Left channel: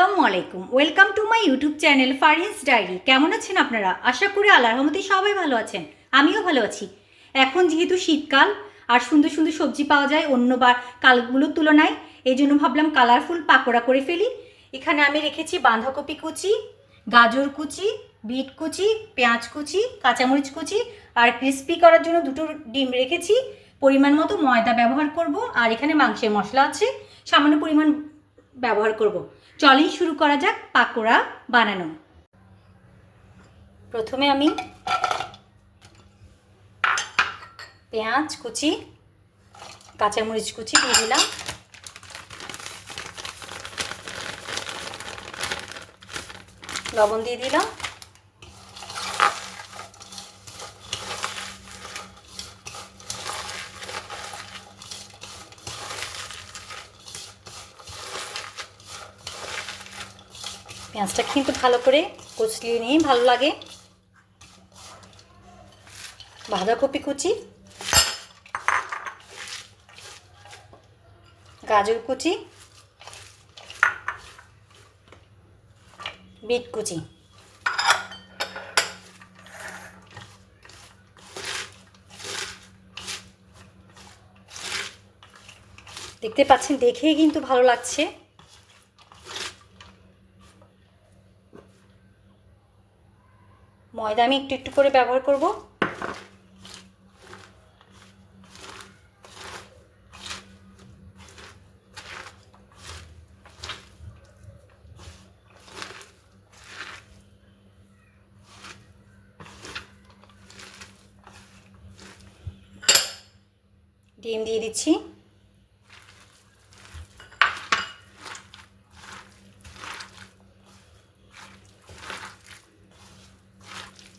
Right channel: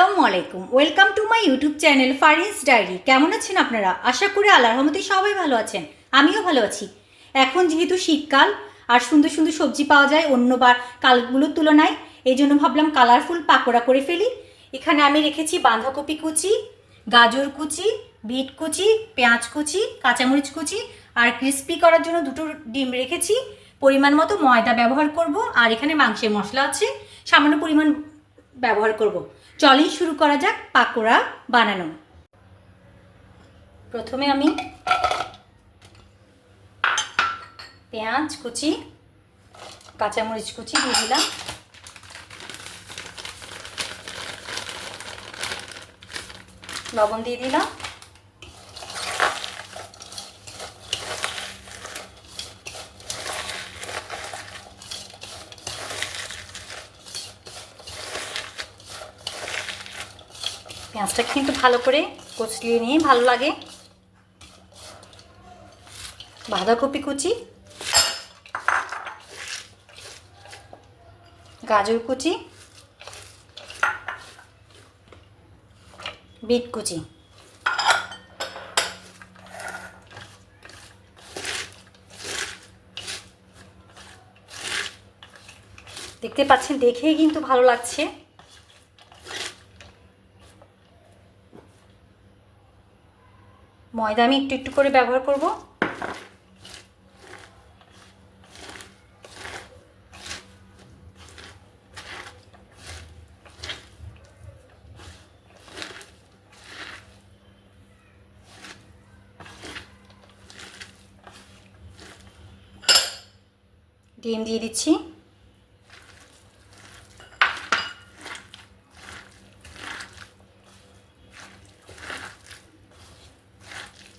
আসসালামু আলাইকুম, welcome to my YouTube channel Farin's diary. কেমন আছেন আপনারা? আশা করি আল্লাহর রহমতে সবাই ভালো আছেন, আমিও ভালো আছি। এখন যেহেতু শীতকাল আর সুন্দর সুন্দর সবজি পাওয়া যায় অন্য কালগুলোর তুলনায়, এই জন্য ভাবলাম কালারফুল পাকোড়া করে ফেলি। এখানে আমি রেখেছি বাঁধাকপি কুচি, গাজর কুচি, বিট কুচি, পেঁয়াজ কুচি, কাঁচামরিচ কুচি আর ক্রিস্পি করার জন্য দুটো ডিম রেখেছি। পরিমাণ মতো ময়দা ব্যবহার করব, আর এখানে মাংসের মশলা আছে সামান্য পরিমাণ ব্যবহার করব। চলেই শুরু করা যাক পাকোড়া বানানো। প্রথমে আমি পেঁয়াজ কুচি, কাঁচামরিচ কুচি দিয়ে দিলাম, লবণ দিয়ে দিলাম, পেঁয়াজটা কিন্তু ভালো করে কচলিয়ে নিয়ে ভালো লাগে। বাঁধাকপি কুচি, গাজর কুচি, বিট কুচি, দেখতে পাচ্ছেন দেখেই কিন্তু ভালো লাগছে। ময়দা আমি একটু একটু করে ব্যবহার করব। ডিম দিয়ে দিচ্ছি,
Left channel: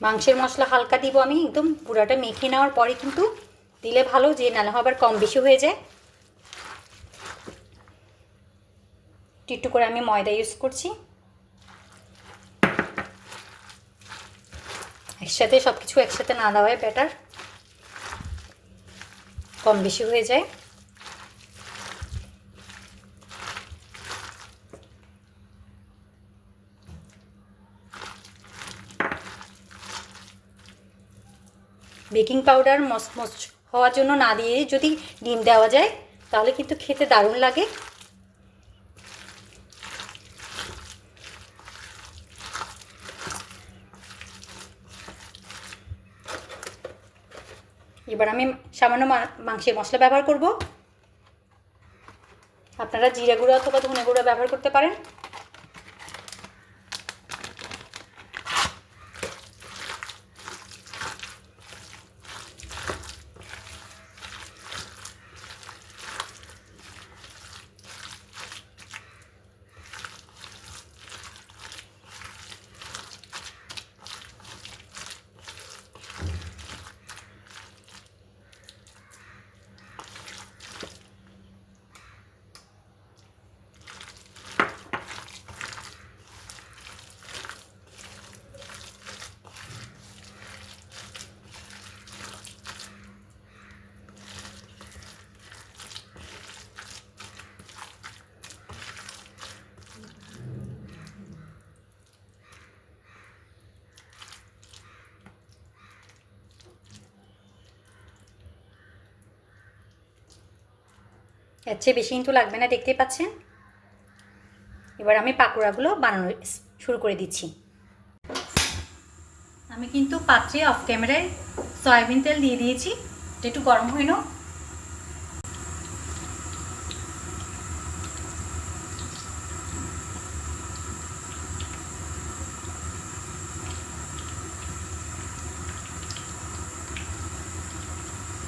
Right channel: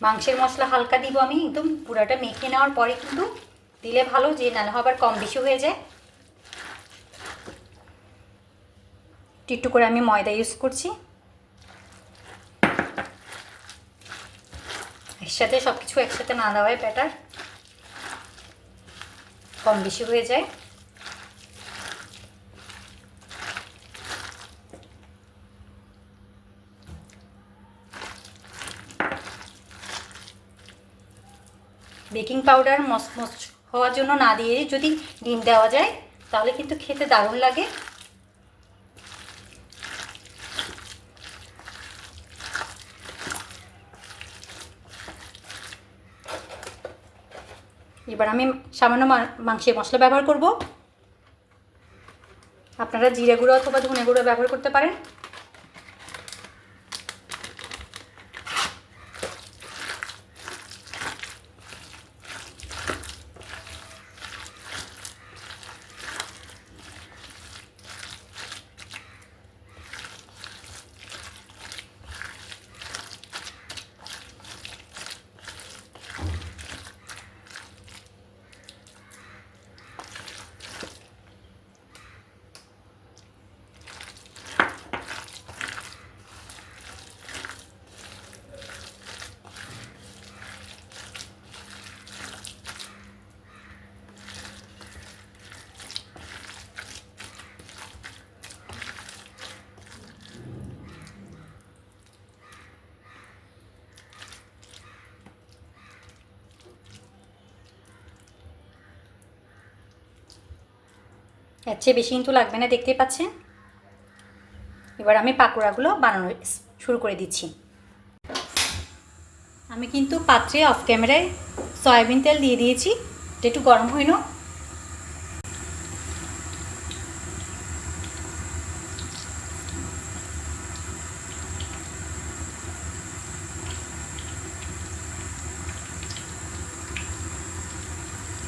মাংসের মশলা হালকা দিব আমি, একদম পুরাটা মেখে নেওয়ার পরে কিন্তু দিলে ভালো, যে নালে আবার কম বেশি হয়ে যায়। একটু করে আমি ময়দা ইউজ করছি, একসাথে সব কিছু একসাথে না দেওয়াই বেটার, কম বেশি হয়ে যায়। বেকিং পাউডার মচমচ হওয়ার জন্য না দিয়ে যদি ডিম দেওয়া যায় তাহলে কিন্তু খেতে দারুণ লাগে। এবার আমি সামান্য মাংসের মশলা ব্যবহার করব। আপনারা জিরে গুঁড়ো অথবা ধনে গুঁড়ো ব্যবহার করতে পারেন। এর চেয়ে বেশি কিন্তু লাগবে না, দেখতেই পাচ্ছেন। এবার আমি পাকোড়াগুলো বানানো শুরু করে দিচ্ছি। আমি কিন্তু পাত্রে অফ ক্যামেরায় সয়াবিন তেল দিয়ে দিয়েছি, এটা একটু গরম হয়ে নাও।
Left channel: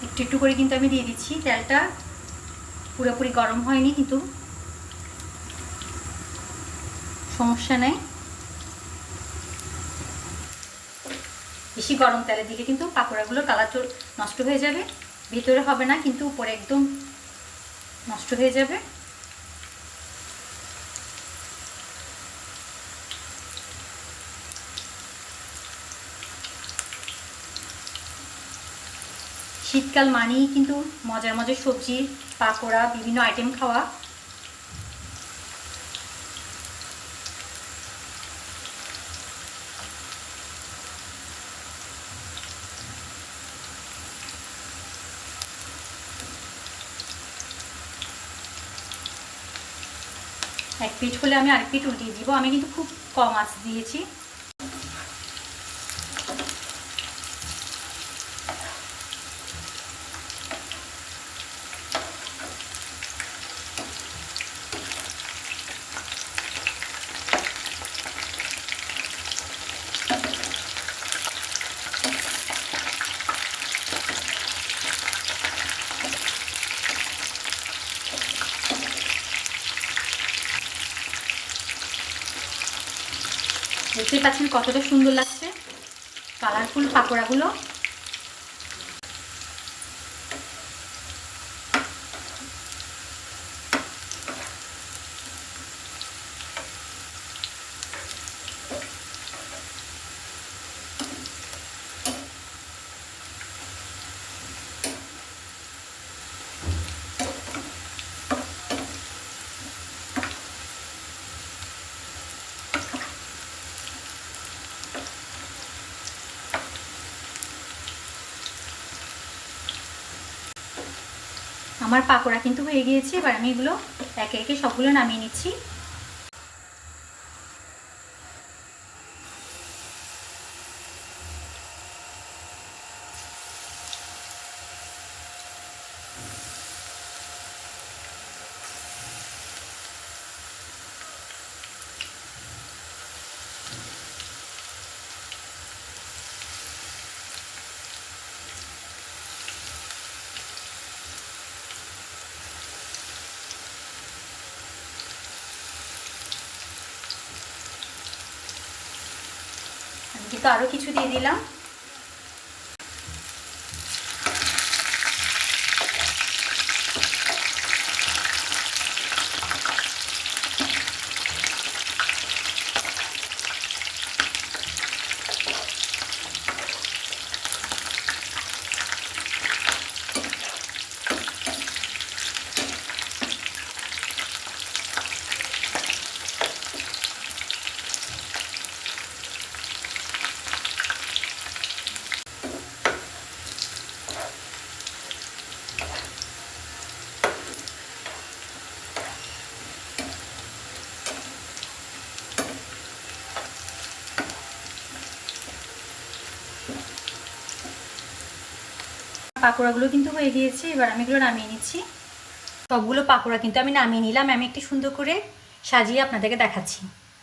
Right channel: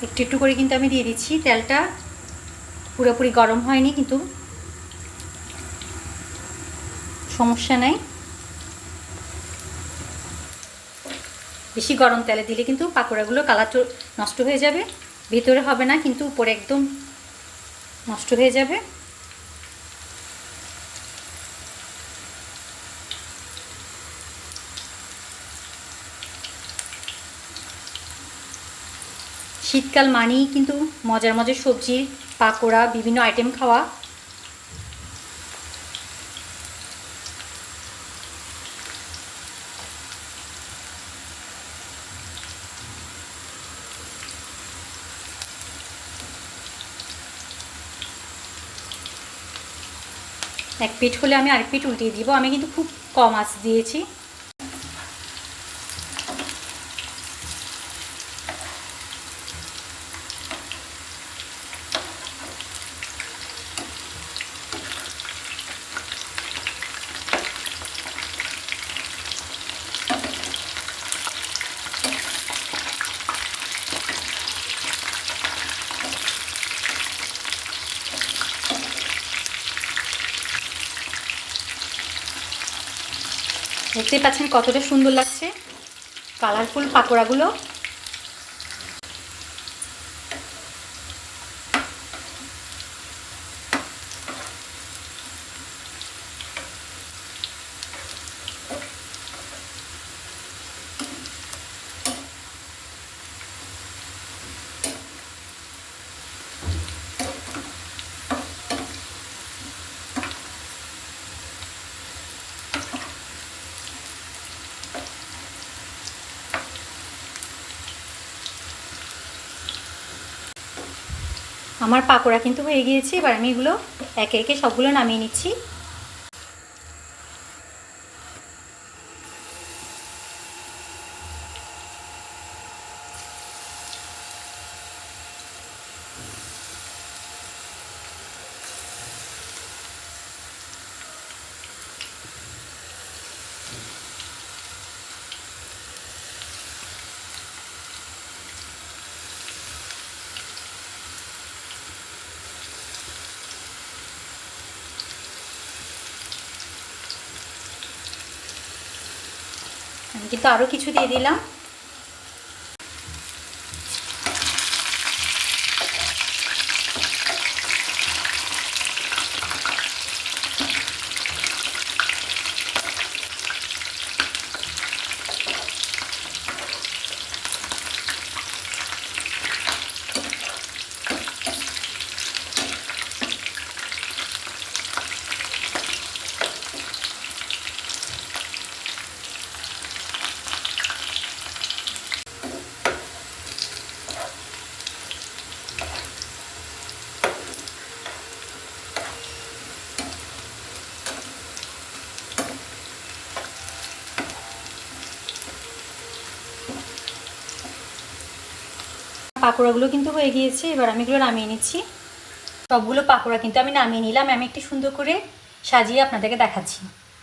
একটু একটু করে কিন্তু আমি দিয়ে দিচ্ছি, তেলটা পুরোপুরি গরম হয়নি কিন্তু সমস্যা নেই। বেশি গরম তেলে দিলে কিন্তু পাকোড়াগুলো কালার নষ্ট হয়ে যাবে, ভিতরে হবে না কিন্তু উপরে একদম নষ্ট হয়ে যাবে। শীতকাল মানেই কিন্তু মজার মজার সবজি, পাকোড়া, বিভিন্ন আইটেম খাওয়া। এক পিঠ হলে আমি আরেক পিঠ উল্টিয়ে দিব। আমি কিন্তু খুব কম আঁচ দিয়েছি। দেখতেই পাচ্ছেন কতটা সুন্দর লাগছে কালারফুল পাকোড়াগুলো। আমার পাকোড়া কিন্তু হয়ে গিয়েছে। এবার আমি এগুলো একে একে সবগুলো নামিয়ে নিচ্ছি। আমি কিন্তু আরও কিছু দিয়ে দিলাম। পাকোড়াগুলো কিন্তু হয়ে গিয়েছে। এবার আমি এগুলো নামিয়ে নিচ্ছি। সবগুলো পাকোড়া কিন্তু আমি নামিয়ে নিলাম। আমি একটু সুন্দর করে সাজিয়ে আপনাদেরকে দেখাচ্ছি।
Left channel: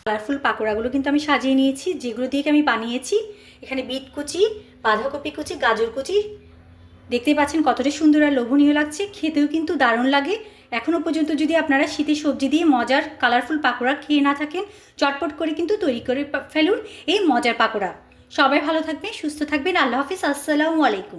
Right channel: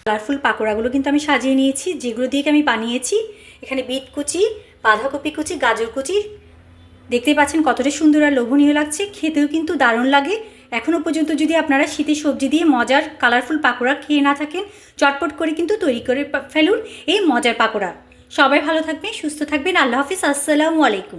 কালারফুল পাকোড়াগুলো কিন্তু আমি সাজিয়ে নিয়েছি, যেগুলো দিয়ে আমি বানিয়েছি। এখানে বিট কুচি, বাঁধাকপি কুচি, গাজর কুচি, দেখতেই পাচ্ছেন কতটা সুন্দর আর লোভনীয় লাগছে। খেতেও কিন্তু দারুণ লাগে। এখনও পর্যন্ত যদি আপনারা শীতের সবজি দিয়ে মজার কালারফুল পাকোড়া খেয়ে না থাকেন, চটপট করে কিন্তু তৈরি করে ফেলুন এই মজার পাকোড়া। সবাই ভালো থাকবেন, সুস্থ থাকবেন। আল্লাহ হাফিজ, আসসালামু আলাইকুম।